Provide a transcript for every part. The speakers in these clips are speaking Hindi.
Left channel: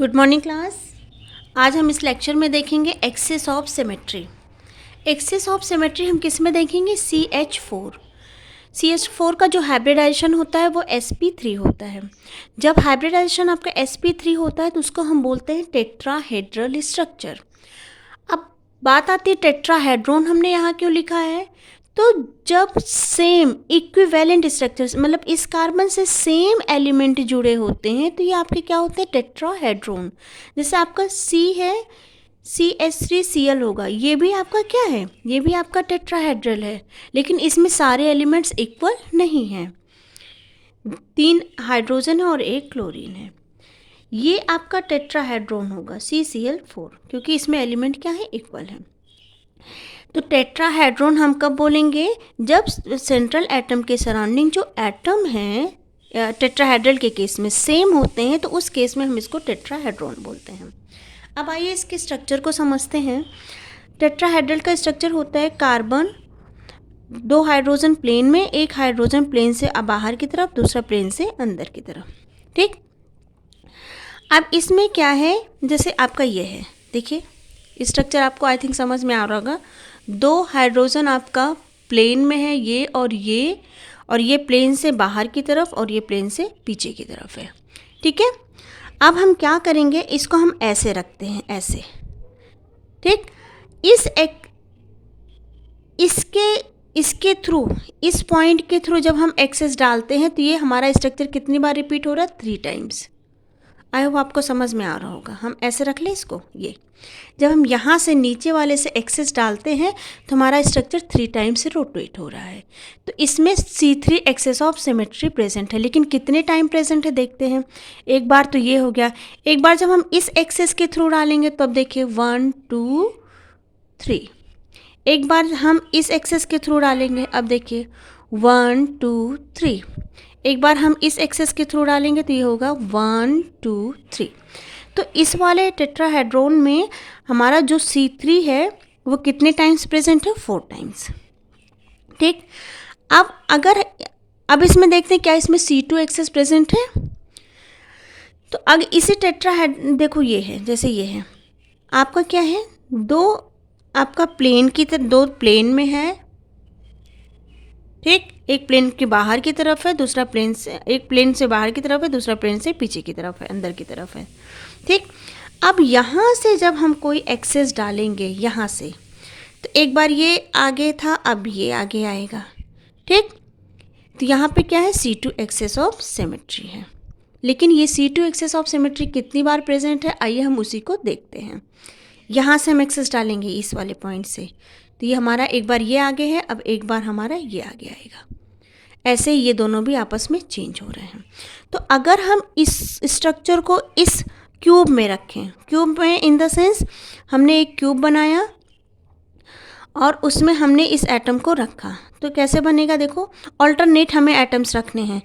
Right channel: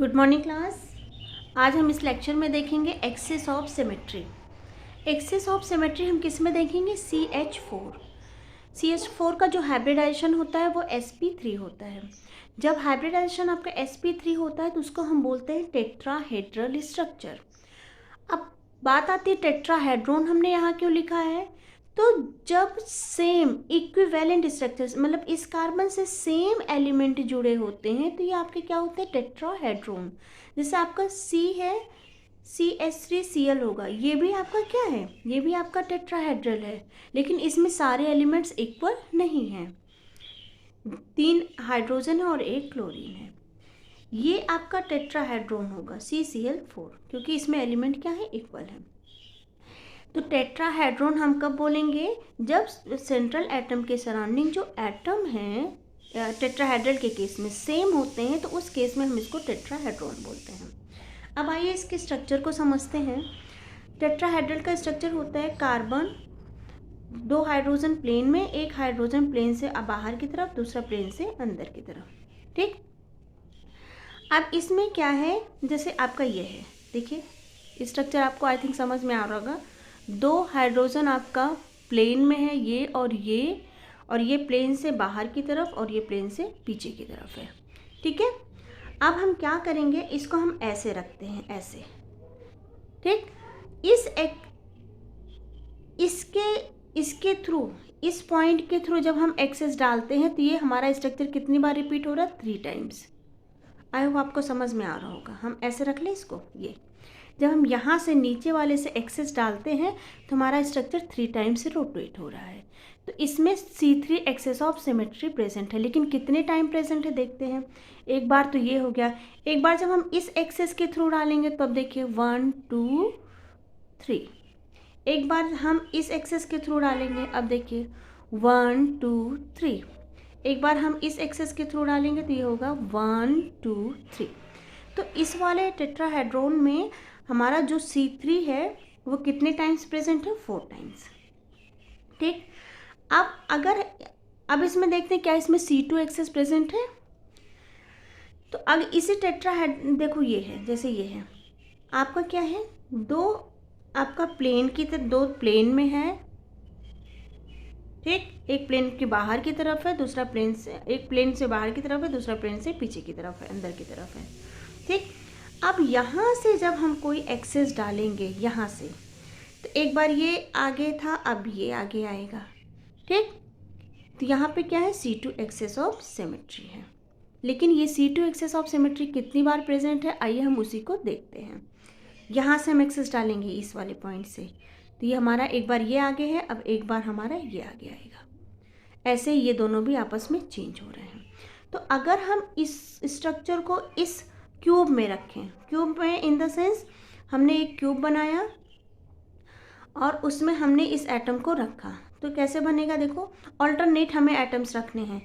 Good morning class. आज हम इस लेक्चर में देखेंगे axes of symmetry. Axes of symmetry हम किस में देखेंगे? CH4। CH4 का जो हाइब्रिडाइजेशन होता है वो sp3 होता है। जब हाइब्रिडाइजेशन आपका sp3 होता है तो उसको हम बोलते हैं टेट्राहेड्रल स्ट्रक्चर। अब बात आती है टेट्राहेड्रॉन हमने यहाँ क्यों लिखा है? तो जब सेम इक्विवेलेंट स्ट्रक्चर्स मतलब इस कार्बन से सेम एलिमेंट जुड़े होते हैं तो ये आपके क्या होते हैं? टेट्राहेड्रॉन। जैसे आपका C है, CH3Cl होगा, ये भी आपका क्या है? ये भी आपका टेट्राहेड्रल है, लेकिन इसमें सारे एलिमेंट्स इक्वल नहीं हैं। 3 हाइड्रोजन है और 1 क्लोरीन है। ये आपका टेट्राहेड्रॉन होगा CCl4, क्योंकि इसमें एलिमेंट क्या है? इक्वल है। तो टेट्राहेड्रॉन हम कब बोलेंगे? जब सेंट्रल एटम के सराउंडिंग जो एटम हैं टेट्राहेड्रल के केस में सेम होते हैं, तो उस केस में हम इसको टेट्राहेड्रॉन बोलते हैं। अब आइए इसके स्ट्रक्चर को समझते हैं। टेट्राहेड्रल का स्ट्रक्चर होता है कार्बन 2 हाइड्रोजन प्लेन में, एक हाइड्रोजन प्लेन से बाहर की तरफ, दूसरा प्लेन से अंदर की तरफ। ठीक। अब इसमें क्या है? जैसे आपका ये है, देखिए स्ट्रक्चर आपको आई थिंक समझ में आ रहा होगा। 2 हाइड्रोजन आपका प्लेन में है, ये और ये प्लेन से बाहर की तरफ और ये प्लेन से पीछे की तरफ है। ठीक है। अब हम क्या करेंगे? इसको हम ऐसे रखते हैं, ऐसे। ठीक। इसके थ्रू, इस पॉइंट के थ्रू जब हम एक्सेस डालते हैं तो ये हमारा स्ट्रक्चर कितनी बार रिपीट हो रहा है? 3 टाइम्स। आई होप आपको समझ में आ रहा होगा। हम ऐसे रख लें इसको। ये जब हम यहाँ से नीचे वाले से एक्सेस डालते हैं तो हमारा स्ट्रक्चर 3 टाइम्स से रोटेट हो रहा है। तो इसमें C3 axes of symmetry present है, लेकिन कितने टाइम प्रेजेंट है देखते हैं। एक बार तो ये हो गया। एक बार जब हम इस एक्सेस के थ्रू डालेंगे तो अब देखिए 1 2 3। एक बार हम इस एक्सेस के थ्रू डालेंगे, अब देखिए 1 2 3। एक बार हम इस एक्सेस के थ्रू डालेंगे तो ये होगा 1 2 3। तो इस वाले टेट्राहेड्रॉन में हमारा जो C3 है वो कितने टाइम्स प्रेजेंट है? 4 टाइम्स। ठीक। अब इसमें देखते हैं क्या इसमें C2 एक्सेस प्रेजेंट है। तो अगर इसी देखो ये है, जैसे ये है आपका क्या है? आपका प्लेन की तरह 2 प्लेन में है। ठीक। एक प्लेन के बाहर की तरफ है, दूसरा प्लेन से, एक प्लेन से बाहर की तरफ है, दूसरा प्लेन से पीछे की तरफ है, अंदर की तरफ है। ठीक। अब यहाँ से जब हम कोई एक्सेस डालेंगे यहाँ से, तो एक बार ये आगे था, अब ये आगे आएगा। ठीक। तो यहाँ पे क्या है? C2 एक्सेस ऑफ सिमेट्री है। लेकिन ये C2 एक्सेस ऑफ सिमेट्री कितनी बार प्रेजेंट है? आइए हम उसी को देखते हैं। यहाँ से हम एक्सेस डालेंगे इस वाले पॉइंट से, तो ये हमारा एक बार ये आगे है, अब एक बार हमारा ये आगे आएगा। ऐसे ये दोनों भी आपस में चेंज हो रहे हैं। तो अगर हम इस स्ट्रक्चर को इस क्यूब में रखें, क्यूब में इन द सेंस हमने एक क्यूब बनाया और उसमें हमने इस एटम को रखा, तो कैसे बनेगा? देखो ऑल्टरनेट हमें एटम्स रखने हैं।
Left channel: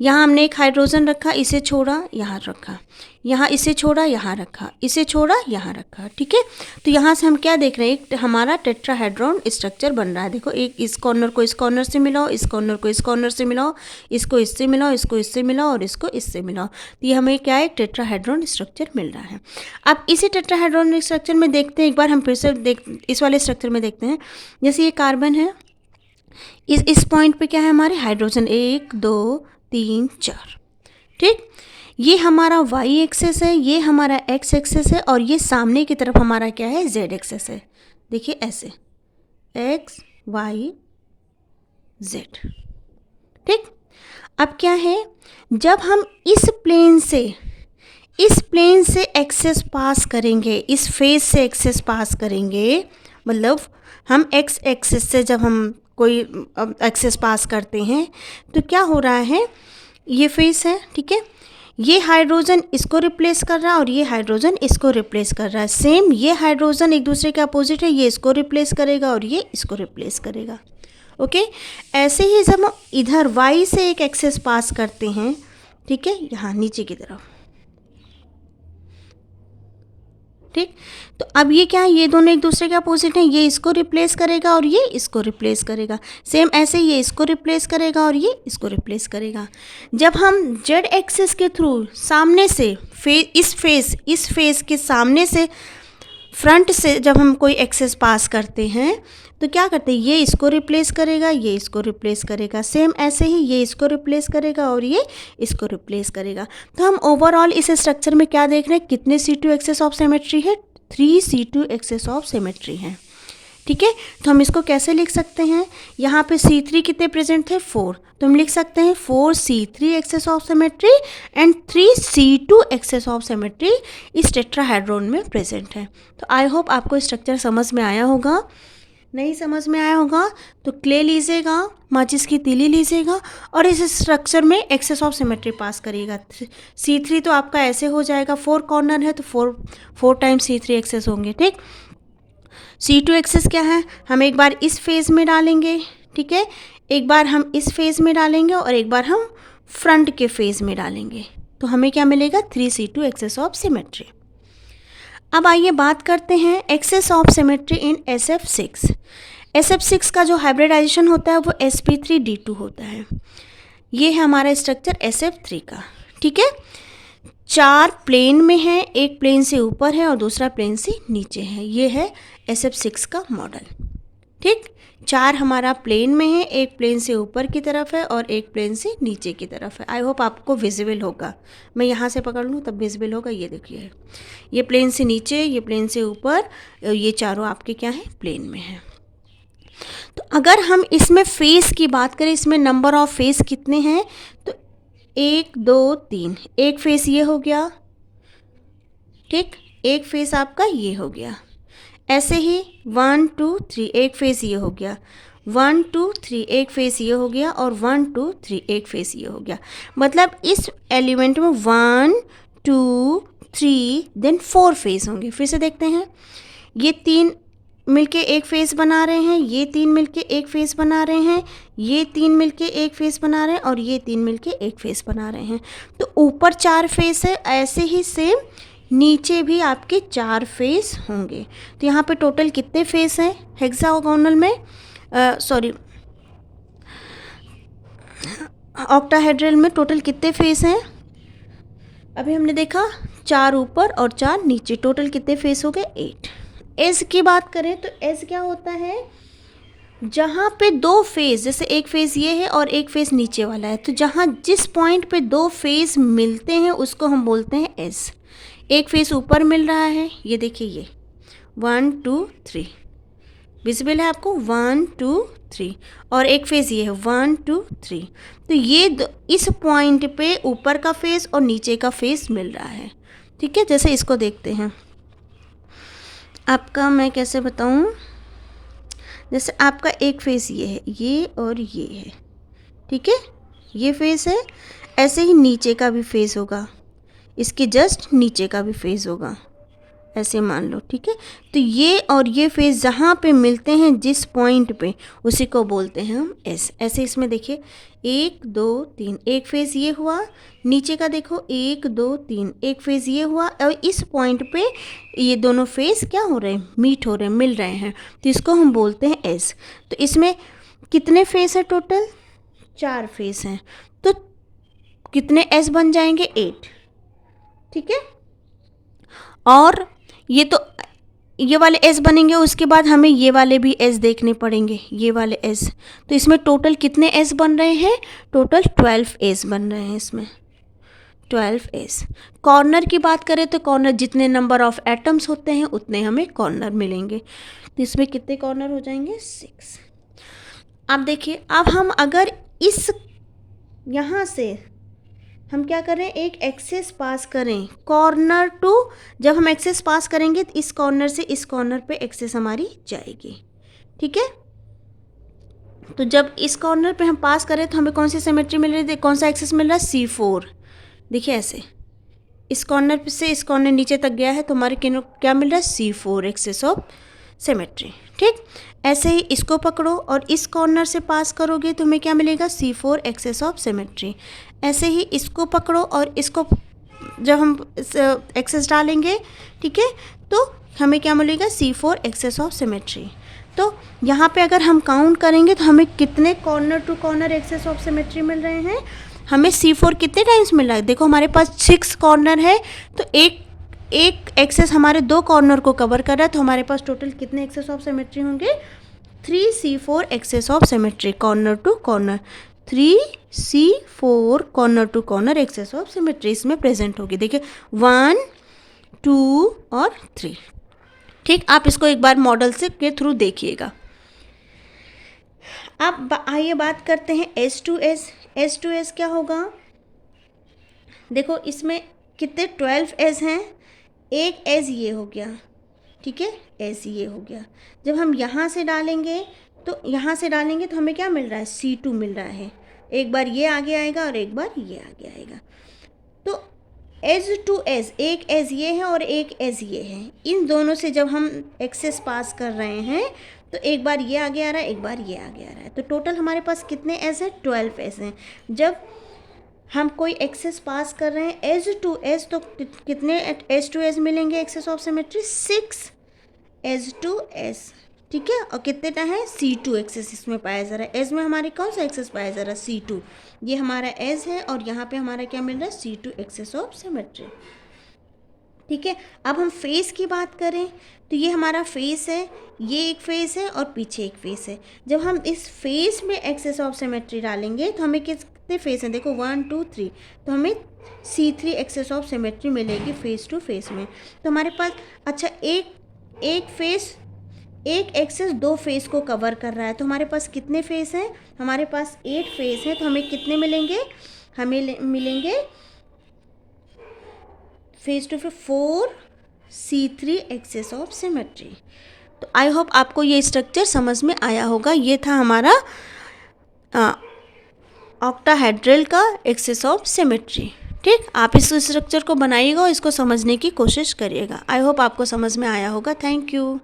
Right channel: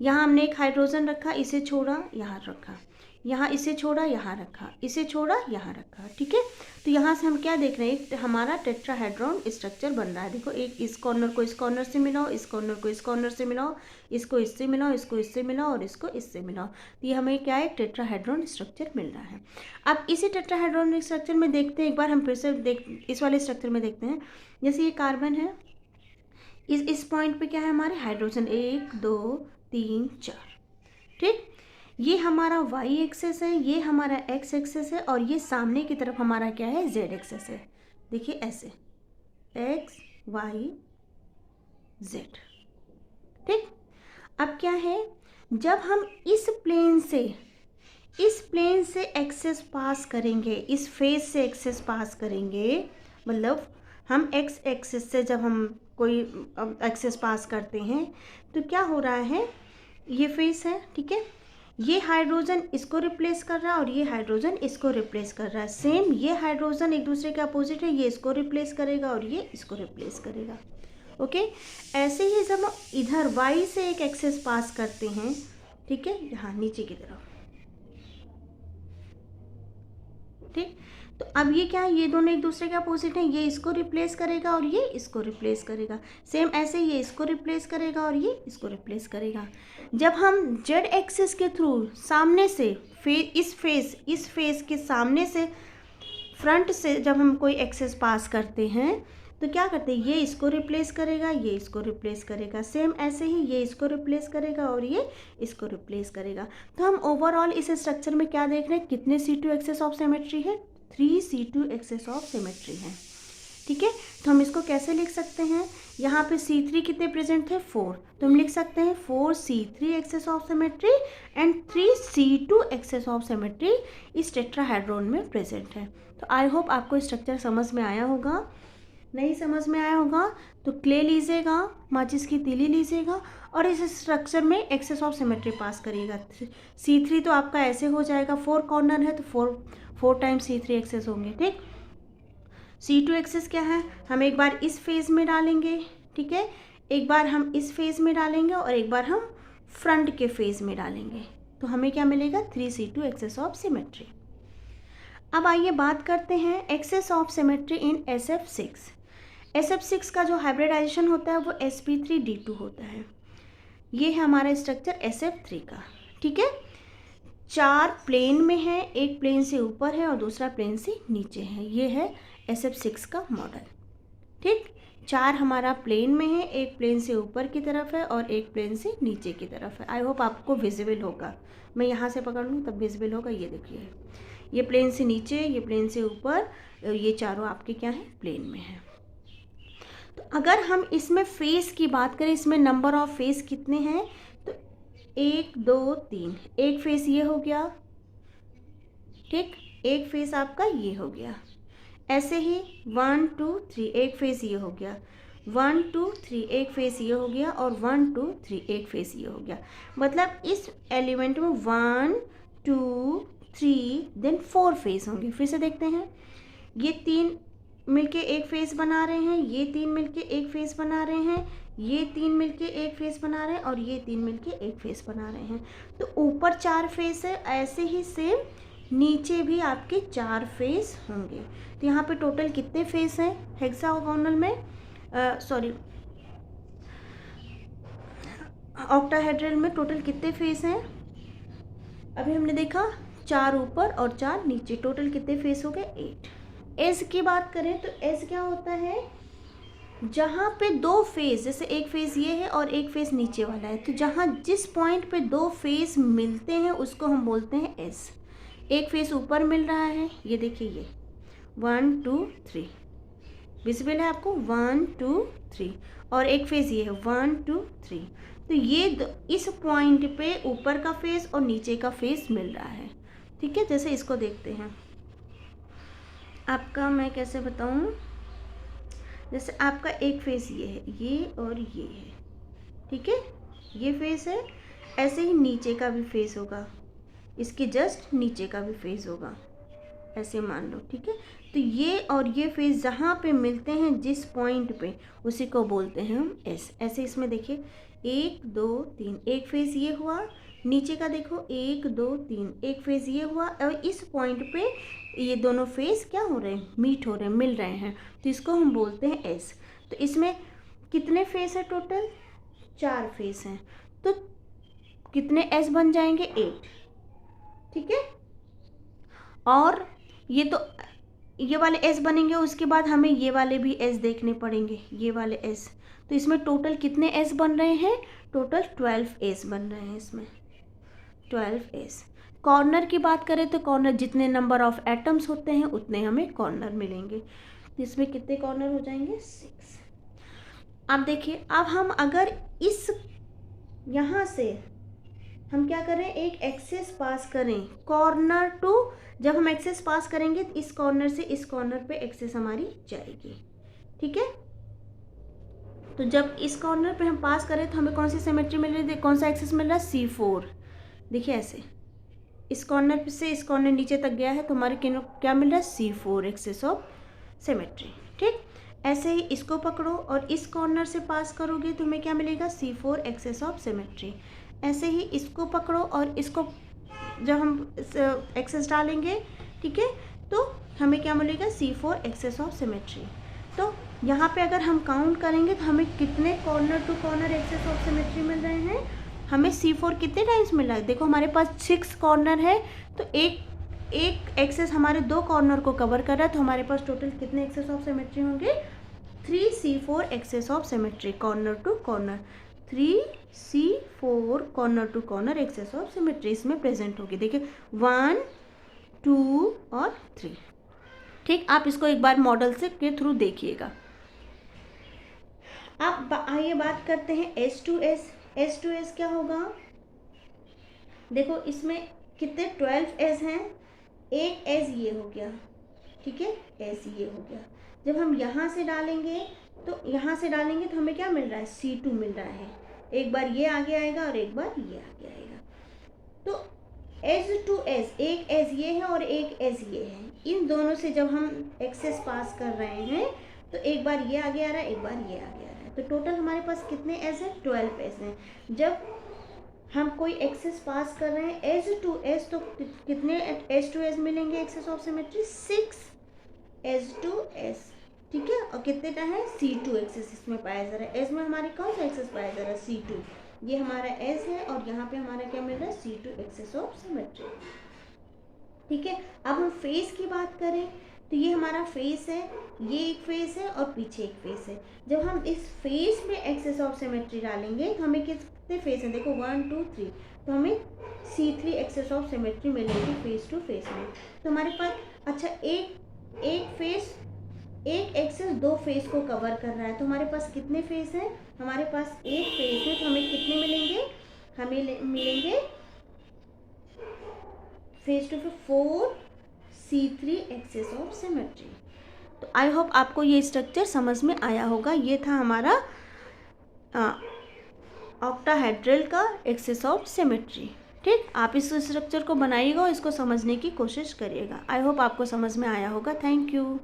यहाँ हमने एक हाइड्रोजन रखा, इसे छोड़ा, यहाँ रखा, यहाँ इसे छोड़ा, यहाँ रखा, इसे छोड़ा, यहाँ रखा। ठीक है। तो यहाँ से हम क्या देख रहे हैं? एक हमारा टेट्राहेड्रॉन स्ट्रक्चर बन रहा है। देखो, एक इस कॉर्नर को इस कॉर्नर से मिलाओ, इस कॉर्नर को इस कॉर्नर से मिलाओ, इसको इससे मिलाओ, इसको इससे मिलाओ और इसको इससे मिलाओ, तो ये हमें क्या है? एक टेट्राहेड्रॉन स्ट्रक्चर मिल रहा है। अब इसी टेट्राहेड्रॉन स्ट्रक्चर में देखते हैं, एक बार हम फिर से इस वाले स्ट्रक्चर में देखते हैं। जैसे ये कार्बन है, इस पॉइंट पे क्या है? हमारे हाइड्रोजन 1 2 3 4। ठीक। ये हमारा y एक्सेस है, ये हमारा x एक्सेस है, और ये सामने की तरफ हमारा क्या है? z एक्सेस है। देखिए ऐसे x y z। ठीक। अब क्या है? जब हम इस प्लेन से एक्सेस पास करेंगे, इस फेस से एक्सेस पास करेंगे, मतलब हम x एक्सेस से जब हम कोई एक्सेस पास करते हैं तो क्या हो रहा है? ये फेस है। ठीक है। ये हाइड्रोजन इसको रिप्लेस कर रहा है और ये हाइड्रोजन इसको रिप्लेस कर रहा है। सेम ये हाइड्रोजन एक दूसरे के अपोजिट है, ये इसको रिप्लेस करेगा और ये इसको रिप्लेस करेगा। ओके। ऐसे ही जब हम इधर y से एक एक्सेस पास करते हैं, ठीक है, यहाँ नीचे की तरफ, ठीक। तो अब ये क्या है, ये दोनों एक दूसरे के अपोजिट हैं, ये इसको रिप्लेस करेगा और ये इसको रिप्लेस करेगा। सेम ऐसे ये इसको रिप्लेस करेगा और ये इसको रिप्लेस करेगा। जब हम जेड एक्सिस के थ्रू सामने से इस फेस के सामने से फ्रंट से जब हम कोई एक्सेस पास करते हैं तो क्या करते हैं, ये इसको रिप्लेस करेगा, ये इसको रिप्लेस करेगा। सेम ऐसे ही ये इसको रिप्लेस करेगा और ये इसको रिप्लेस करेगा। तो हम ओवरऑल इस स्ट्रक्चर में क्या देख रहे हैं, कितने C2 एक्सेस ऑफ सिमेट्री है, 3 C2 एक्सेस ऑफ सिमेट्री है। ठीक है, तो हम इसको कैसे लिख सकते हैं, यहाँ पे C3 कितने प्रेजेंट थे, 4, तो हम लिख सकते हैं 4 C3 axes of symmetry and 3 C2 axes of symmetry इस टेट्राहेड्रॉन में प्रेजेंट है। तो आई होप आपको स्ट्रक्चर समझ में आया होगा। नहीं समझ में आया होगा तो क्ले लीजिएगा, माचिस की तीली लीजिएगा और इस स्ट्रक्चर में एक्सेस ऑफ सिमेट्री पास करिएगा। C3 तो आपका ऐसे हो जाएगा, 4 कॉर्नर है तो 4 टाइम्स C3 एक्सेस होंगे। ठीक, C2 एक्सेस क्या है, हम एक बार इस फेज़ में डालेंगे, ठीक है, एक बार हम इस फेज़ में डालेंगे और एक बार हम फ्रंट के फेज़ में डालेंगे, तो हमें क्या मिलेगा, 3 C2 एक्सेस ऑफ सिमेट्री। अब आइए बात करते हैं access of symmetry in SF6। SF6 का जो हाइब्रिडाइजेशन होता है वो sp3d2 होता है। ये है हमारा स्ट्रक्चर SF3 का। ठीक है, 4 प्लेन में है, एक प्लेन से ऊपर है और दूसरा प्लेन से नीचे है। ये है SF6 का मॉडल। ठीक, 4 हमारा प्लेन में है, एक प्लेन से ऊपर की तरफ है और एक प्लेन से नीचे की तरफ है। आई होप आपको विजिबल होगा, मैं यहाँ से पकड़ लूँ तब विजिबल होगा। ये देखिए, ये प्लेन से नीचे, ये प्लेन से ऊपर, ये चारों आपके क्या है, प्लेन में है। तो अगर हम इसमें फेस की बात करें, इसमें नंबर ऑफ फेस कितने हैं, तो 1 2 3, एक फेस ये हो गया, ठीक, एक फेस आपका ये हो गया। ऐसे ही 1 2 3, एक फेस ये हो गया, 1 2 3, एक फेस ये हो गया और 1 2 3, एक फेस ये हो गया। मतलब इस एलिमेंट में 1 2 3 देन 4 फेस होंगे। फिर से देखते हैं, ये 3 मिलके एक फेस बना रहे हैं, ये 3 मिलके एक फेस बना रहे हैं, ये 3 मिलके एक फेस बना रहे हैं और ये 3 मिलके एक फेस बना रहे हैं। तो ऊपर 4 फेस है, ऐसे ही सेम नीचे भी आपके 4 फेस होंगे। तो यहाँ पे टोटल कितने फेस हैं हेक्सागोनल में, सॉरी ऑक्टाहेड्रल में टोटल कितने फेस हैं, अभी हमने देखा 4 ऊपर और 4 नीचे, टोटल कितने फेस हो गए, 8। एज की बात करें तो एज क्या होता है, जहाँ पे 2 फेस, जैसे एक फेस ये है और एक फेस नीचे वाला है, तो जहाँ जिस पॉइंट पे 2 फेस मिलते हैं उसको हम बोलते हैं एज। एक फेस ऊपर मिल रहा है, ये देखिए, ये 1 2 3 विजिबल है आपको, 1 2 3, और एक फेस ये है 1 2 3। तो ये इस पॉइंट पे ऊपर का फेस और नीचे का फेस मिल रहा है। ठीक है, जैसे इसको देखते हैं, आपका मैं कैसे बताऊं, जैसे आपका एक फेस ये है, ये और ये है, ठीक है, ये फेस है, ऐसे ही नीचे का भी फेस होगा, इसके जस्ट नीचे का भी फेस होगा, ऐसे मान लो। ठीक है, तो ये और ये फेस जहाँ पे मिलते हैं जिस पॉइंट पे, उसी को बोलते हैं हम एस। ऐसे इसमें देखिए 1 2 3, एक फेस ये हुआ, नीचे का देखो 1 2 3, एक फेस ये हुआ और इस पॉइंट पे ये दोनों फेस क्या हो रहे हैं, मीट हो रहे हैं, मिल रहे हैं, तो इसको हम बोलते हैं एस। तो इसमें कितने फेस है, टोटल 4 फेस हैं, तो कितने एस बन जाएंगे, 8। ठीक है, और ये वाले एस बनेंगे, उसके बाद हमें ये वाले भी एस देखने पड़ेंगे, ये वाले एस। तो इसमें टोटल कितने एस बन रहे हैं, टोटल 12 एस बन रहे हैं, इसमें 12 एस। कॉर्नर की बात करें तो कॉर्नर जितने नंबर ऑफ एटम्स होते हैं उतने हमें कॉर्नर मिलेंगे। तो इसमें कितने कॉर्नर हो जाएंगे, 6। अब देखिए, अब हम अगर इस यहाँ से हम क्या करें, एक एक्सेस पास करें कॉर्नर टू, जब हम एक्सेस पास करेंगे तो इस कॉर्नर से इस कॉर्नर पे एक्सेस हमारी जाएगी। ठीक है, तो जब इस कॉर्नर पे हम पास करें तो हमें कौन सी सिमेट्री मिल रही है, कौन सा एक्सेस मिल रहा है, C4। देखिए ऐसे इस कॉर्नर से इस कॉर्नर नीचे तक गया है तो हमारे क्या मिल रहा है, C4 एक्सेस ऑफ सिमेट्री। ठीक, ऐसे ही इसको पकड़ो और इस कॉर्नर से पास करोगे तो हमें क्या मिलेगा, C4 एक्सेस ऑफ सिमेट्री। ऐसे ही इसको पकड़ो और इसको जब हम एक्सेस डालेंगे, ठीक है, तो हमें क्या मिलेगा, C4 एक्सेस ऑफ सिमेट्री। तो यहाँ पे अगर हम काउंट करेंगे तो हमें कितने corner to corner axes of symmetry मिल रहे हैं, हमें C4 कितने टाइम्स मिल रहा है। देखो हमारे पास 6 कॉर्नर है, तो एक एक्सेस हमारे 2 कॉर्नर को कवर कर रहा है, तो हमारे पास टोटल कितने एक्सेस ऑफ सिमेट्री होंगे, 3C4 axes of symmetry corner to corner, 3C4 corner to corner axes of symmetry इसमें प्रेजेंट होगी। देखिए 1, 2 और 3। ठीक, आप इसको एक बार मॉडल से के थ्रू देखिएगा। अब आइए बात करते हैं S2S। S2S क्या होगा, देखो इसमें कितने 12 S हैं, एक S ये हो गया, ठीक है, S ये हो गया। जब हम यहाँ से डालेंगे तो हमें क्या मिल रहा है, C2 मिल रहा है। एक बार ये आगे आएगा और एक बार ये आगे आएगा। तो S2S, एक S ये है और एक S ये है, इन दोनों से जब हम एक्सेस पास कर रहे हैं तो एक बार ये आगे आ रहा है, एक बार ये आगे आ रहा है, तो टोटल हमारे पास कितने S है, 12 S हैं। जब हम कोई एक्सेस पास कर रहे हैं S2S, तो कितने S2S मिलेंगे एक्सेस ऑफ सिमेट्री, 6 S2S, ठीक है। और कितने है, C2 एक्सेस इसमें पाया जा रहा है। S में हमारी कौन सा एक्सेस पाया जा रहा है, C2, ये हमारा S है और यहाँ पे हमारा क्या मिल रहा है, C2 एक्सेस ऑफ सिमेट्री, ठीक है। अब हम फेस की बात करें तो ये हमारा फेस है, ये एक फेस है और पीछे एक फेस है। जब हम इस फेस में एक्सेस ऑफ सिमेट्री डालेंगे तो हमें कितने फेस हैं, देखो 1, 2, 3, तो हमें C3 एक्सेस ऑफ सिमेट्री मिलेगी फेस टू फेस में। तो हमारे पास अच्छा एक फेस, एक एक्सेस 2 फेस को कवर कर रहा है, तो हमारे पास कितने फेस हैं, हमारे पास 8 फेस हैं। तो हमें कितने मिलेंगे, हमें मिलेंगे face to face 4C3 axes of symmetry. तो आई होप आपको ये स्ट्रक्चर समझ में आया होगा। ये था हमारा ऑक्टाहेड्रल का एक्सेस ऑफ सिमेट्री। ठीक, आप इस स्ट्रक्चर को बनाइएगा और इसको समझने की कोशिश करिएगा। आई होप आपको समझ में आया होगा। Thank you.